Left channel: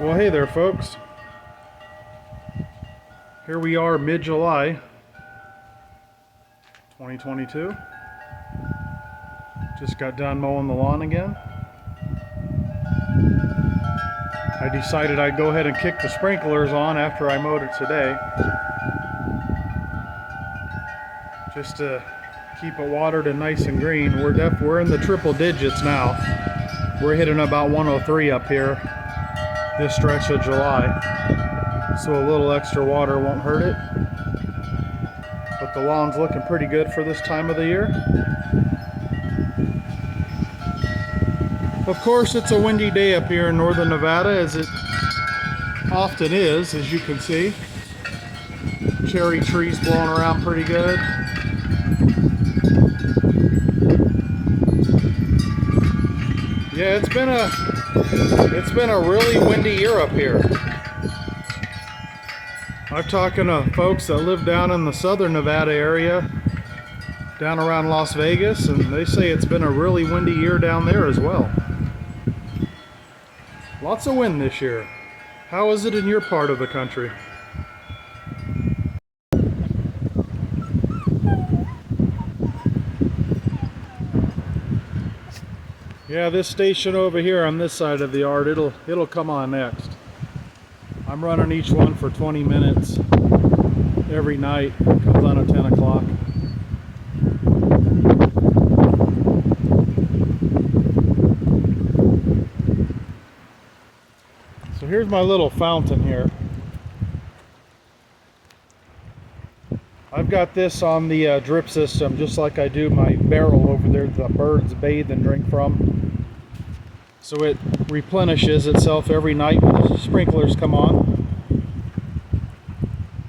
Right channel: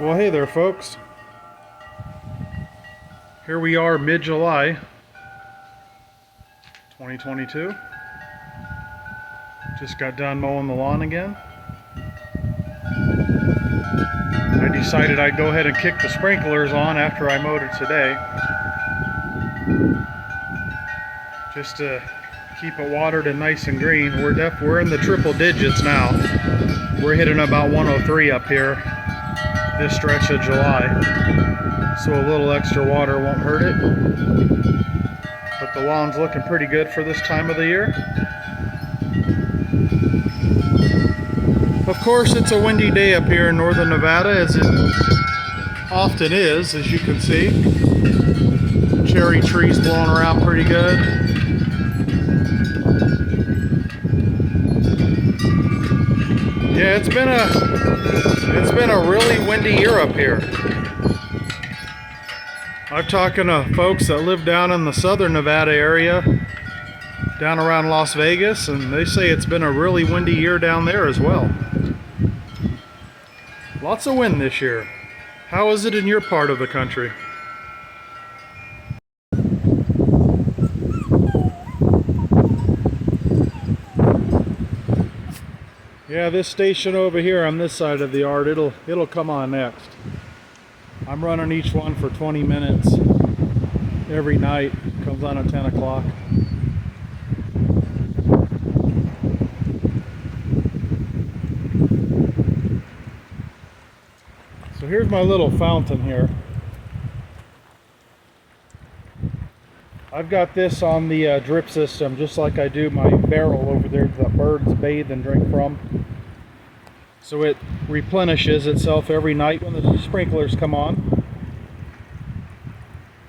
Well, hey there, folks. Here we are, mid-July, 2022. Just got done mowing the lawn again. I decided I'd go ahead and kick the sprinklers on after I mowed it today, just to keep it watered and nice and green. We're in the triple digits now. We're hitting about 103 up here this stretch of July, so a little extra water won't hurt it. But the lawn's looking pretty good for this time of the year. Of course, it's a windy day up here in northern Nevada, as it often is, as you can see. Cherry trees blowing around pretty good. Yeah, it's been a really windy year up here. I'm talking to folks that live down in the southern Nevada area, down around Las Vegas, and they say it's been a really windy year down there as well. Lots of wind this year. How is it in your part of the country? Yeah, this station over here on this side of the yard, it'll come on next. I'm running each one for 20 minutes every night. It comes on at 10 o'clock. So here's my little fountain here. I've got this on the drip system, just like I do my barrel over there the birds bathe and drink from. So it replenishes itself every night when the sprinklers come on.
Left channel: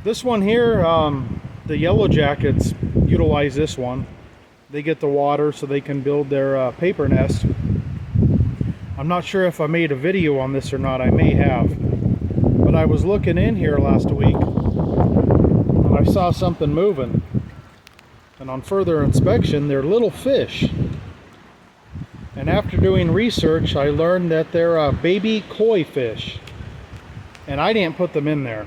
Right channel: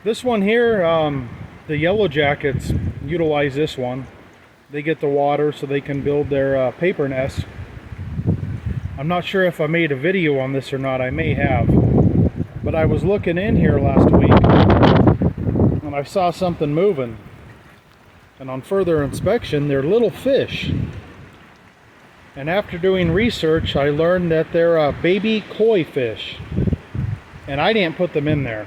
This one here, the yellow jackets utilize this one. They get the water so they can build their paper nest. I'm not sure if I made a video on this or not. I may have. But I was looking in here last week and I saw something moving. And on further inspection, they're little fish. And after doing research, I learned that they're baby koi fish. And I didn't put them in there.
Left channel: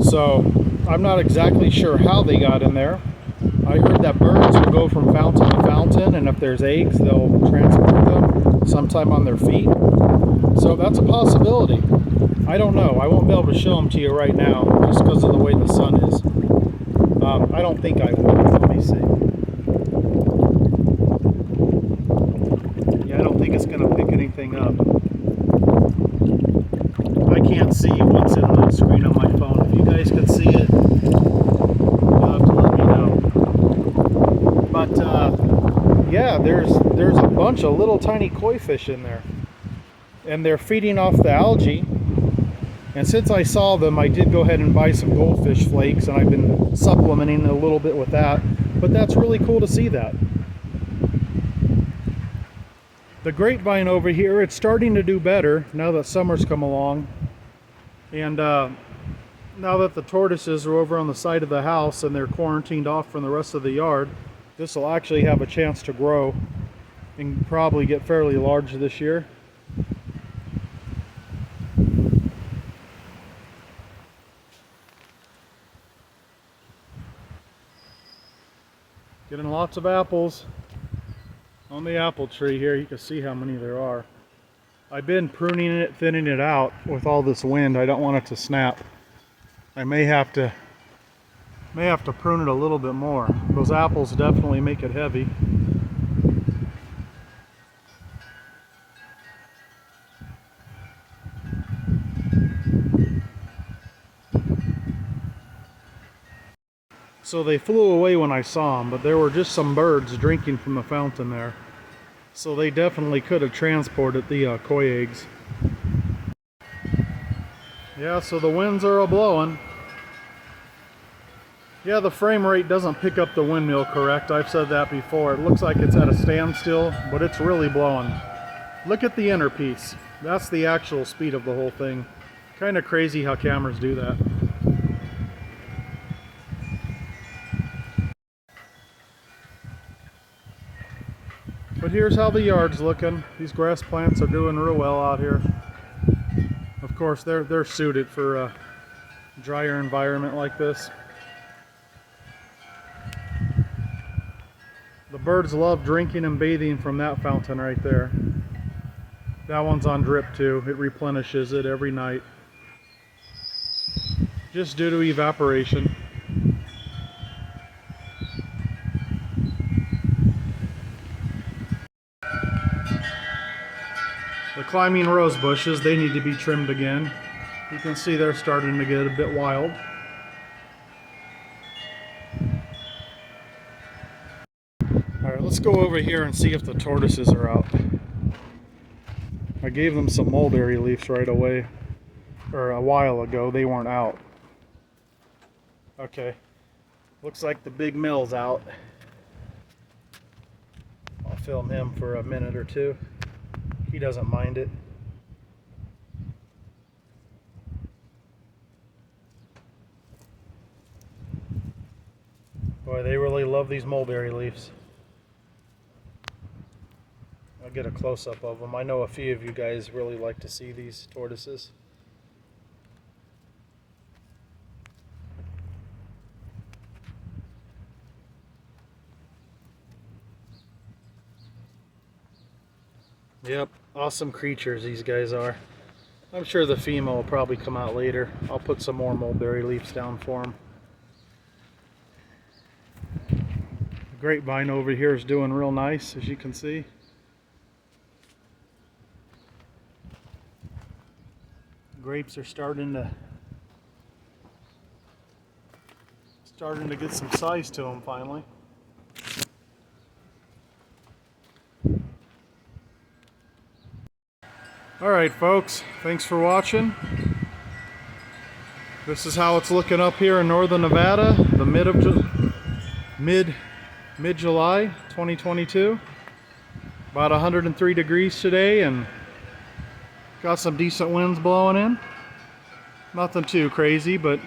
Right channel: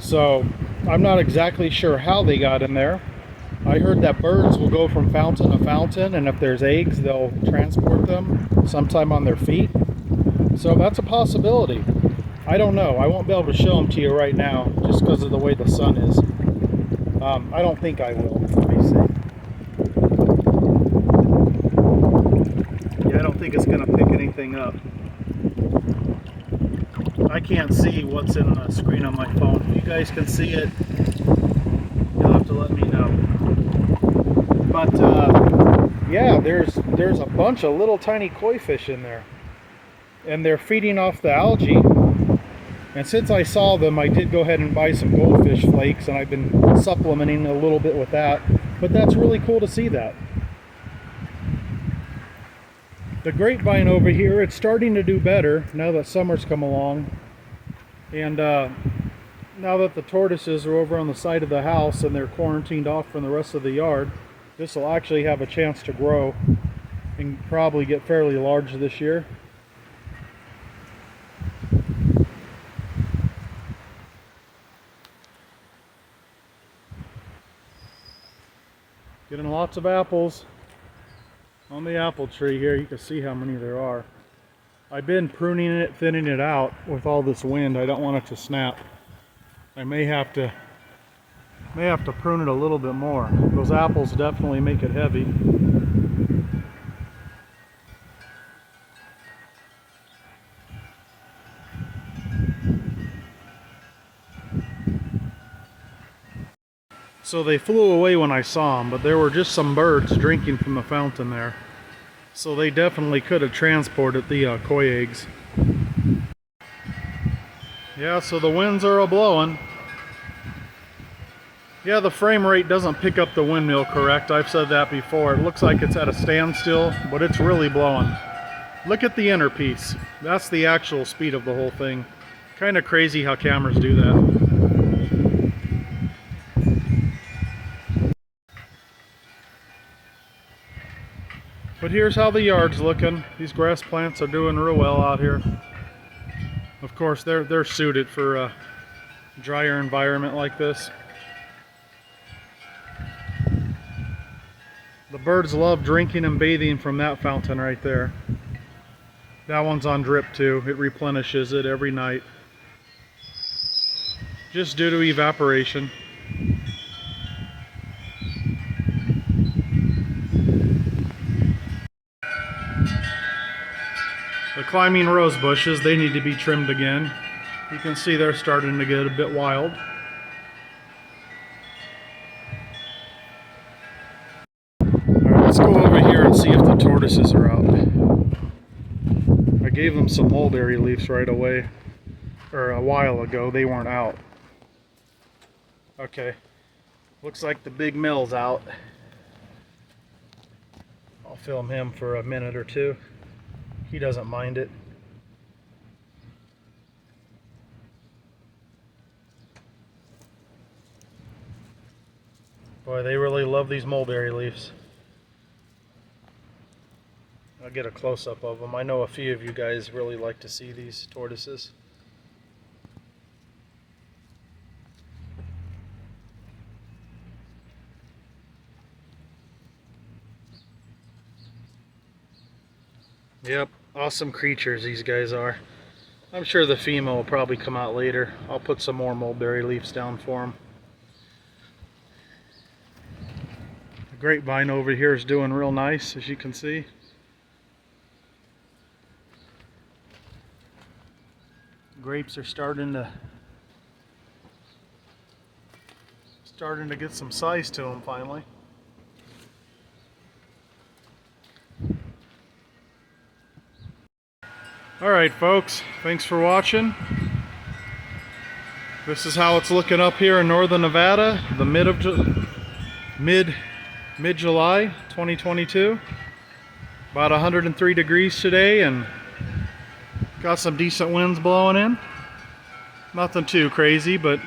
So I'm not exactly sure how they got in there. I heard that birds will go from fountain to fountain, and if there's eggs, they'll transport them sometime on their feet. So that's a possibility. I don't know. I won't be able to show them to you right now just because of the way the sun is. I don't think I will. Let me see. Yeah, I don't think it's going to pick anything up. I can't see what's in the screen on my phone. If you guys can see it, you'll have to let me know. But yeah, there's a bunch of little tiny koi fish in there, and they're feeding off the algae. And since I saw them, I did go ahead and buy some goldfish flakes, and I've been supplementing a little bit with that. But that's really cool to see that. The grapevine over here, it's starting to do better now that summer's come along. And now that the tortoises are over on the side of the house and they're quarantined off from the rest of the yard, this will actually have a chance to grow and probably get fairly large this year. Getting lots of apples on the apple tree here. You can see how many there are. I've been pruning it, thinning it out with all this wind. I don't want it to snap. I may have to prune it a little bit more. Those apples definitely make it heavy. So they flew away when I saw them, but there were just some birds drinking from the fountain there. So they definitely could have transported the koi eggs. Yeah, so the winds are a-blowing. Yeah, the frame rate doesn't pick up the windmill correct. I've said that before. It looks like it's at a standstill, but it's really blowing. Look at the inner piece. That's the actual speed of the whole thing. Kind of crazy how cameras do that. But But here's how the yard's looking. These grass plants are doing real well out here. Of course, they're suited for a drier environment like this. The birds love drinking and bathing from that fountain right there. That one's on drip too. It replenishes it every night, just due to evaporation. The climbing rose bushes, they need to be trimmed again. You can see they're starting to get a bit wild. Alright, let's go over here and see if the tortoises are out. I gave them some mulberry leaves right away, or a while ago. They weren't out. Okay, looks like the big mill's out. I'll film him for a minute or two. He doesn't mind it. Boy, they really love these mulberry leaves. I'll get a close-up of them. I know a few of you guys really like to see these tortoises. Yep, awesome creatures these guys are. I'm sure the female will probably come out later. I'll put some more mulberry leaves down for them. The grapevine over here is doing real nice, as you can see. Grapes are starting to get some size to them finally. Alright folks, thanks for watching. This is how it's looking up here in northern Nevada, the mid-July 2022. About 103 degrees today and got some decent winds blowing in. Nothing too crazy, but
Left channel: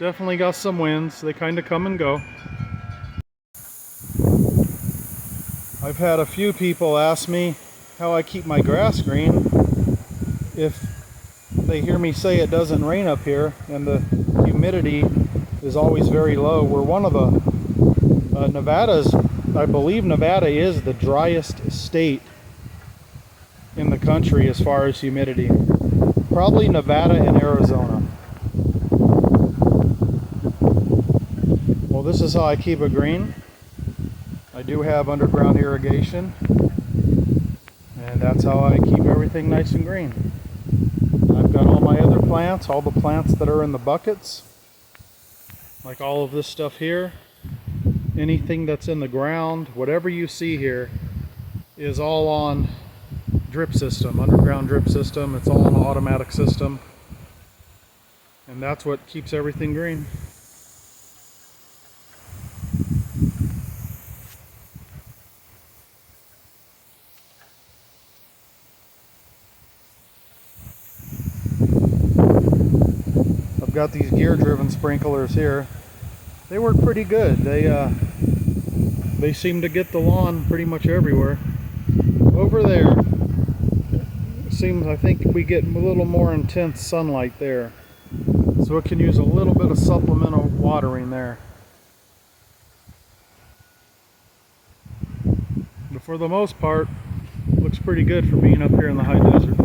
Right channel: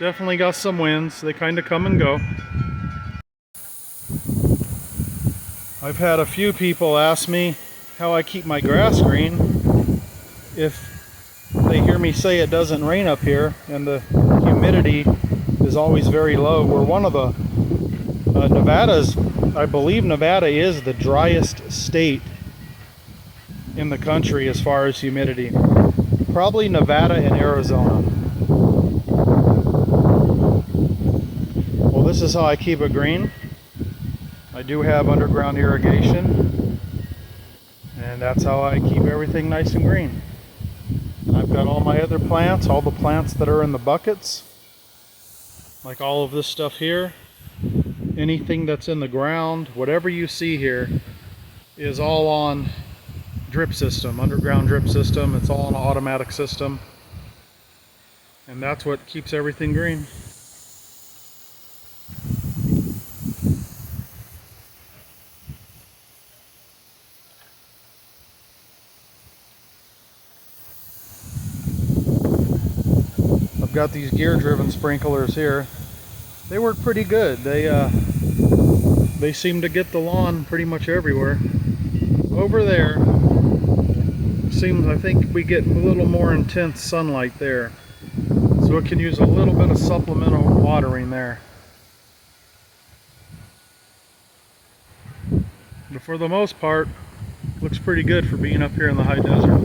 definitely got some winds. They kind of come and go. I've had a few people ask me how I keep my grass green if they hear me say it doesn't rain up here and the humidity is always very low. We're one of the Nevada's, I believe Nevada is the driest state in the country as far as humidity. Probably Nevada and Arizona. Well, this is how I keep it green. I do have underground irrigation, and that's how I keep everything nice and green. I've got all my other plants, all the plants that are in the buckets, like all of this stuff here, anything that's in the ground, whatever you see here is all on drip system, underground drip system. It's all an automatic system, and that's what keeps everything green. I've got these gear driven sprinklers here. They work pretty good. They seem to get the lawn pretty much everywhere. Over there seems, I think we get a little more intense sunlight there, so it can use a little bit of supplemental watering there. But for the most part, looks pretty good for being up here in the high desert.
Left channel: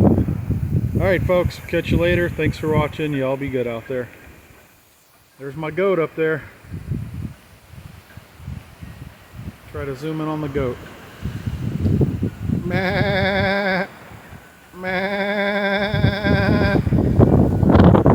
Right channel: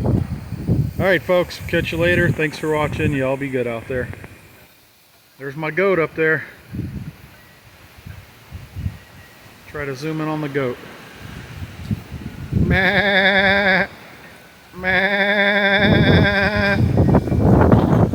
Alright folks, catch you later. Thanks for watching. Y'all be good out there. There's my goat up there. Try to zoom in on the goat. Meh.